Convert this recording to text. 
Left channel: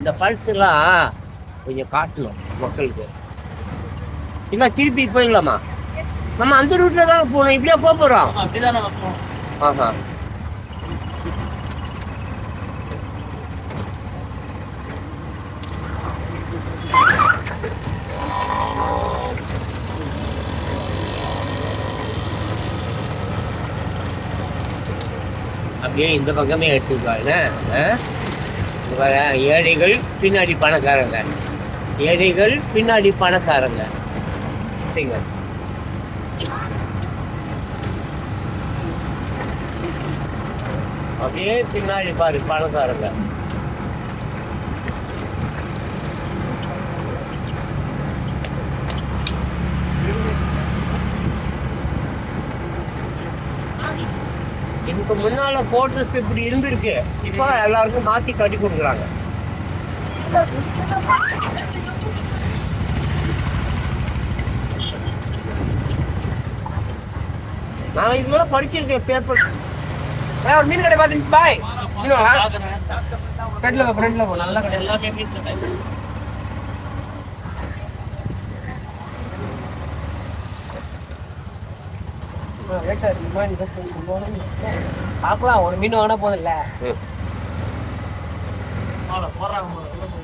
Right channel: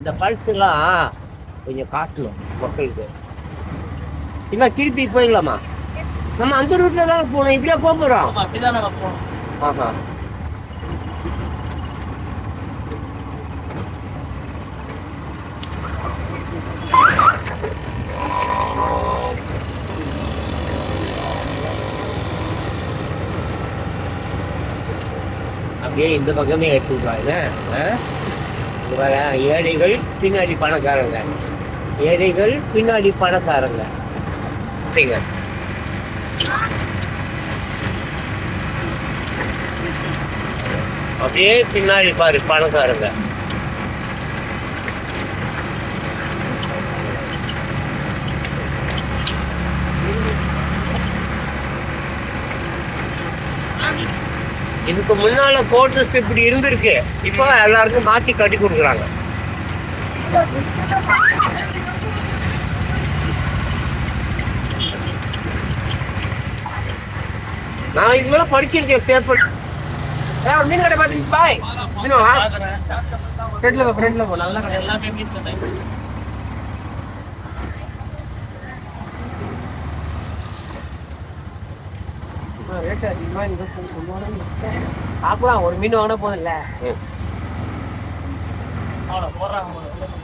இந்த பல்ஸ் எல்லாம் கொஞ்சம் காட்டணும் மக்களுக்கு. இல்லை திருப்பி போயிடலாமா? நம்ம அந்த ரூட்ல தானே போகணும். இப்படியா போக போகிறோம்? அப்படிதான் நாங்கள் போகணும். ஆஹா. அப்படியே இந்த பக்கமே எடுத்துருக்காங்க. ஏழைகள் பின்னாடி பணக்காரங்க, ஏழைகள் பின்னாடி பணக்காரங்க. சரிங்க. அப்படியே பின்னாடி பாரு பணக்காரங்க. இதுக்கு முன்னால கோட்ரஸ் இப்படி இருந்திருக்கு, இப்போ எல்லாருக்கும் மாத்தி கட்டி கொடுக்குறாங்க. நான் இது மேல படிச்சிருக்கேன் பேப்பர். மீன் கடை பார்த்து பாய் ஃப்ரெண்ட்ல போ. நல்ல கடை எல்லாமே மீன் கடை. ஒரு மீன் வாங்கினா போதும் இல்ல. போடுறாங்க.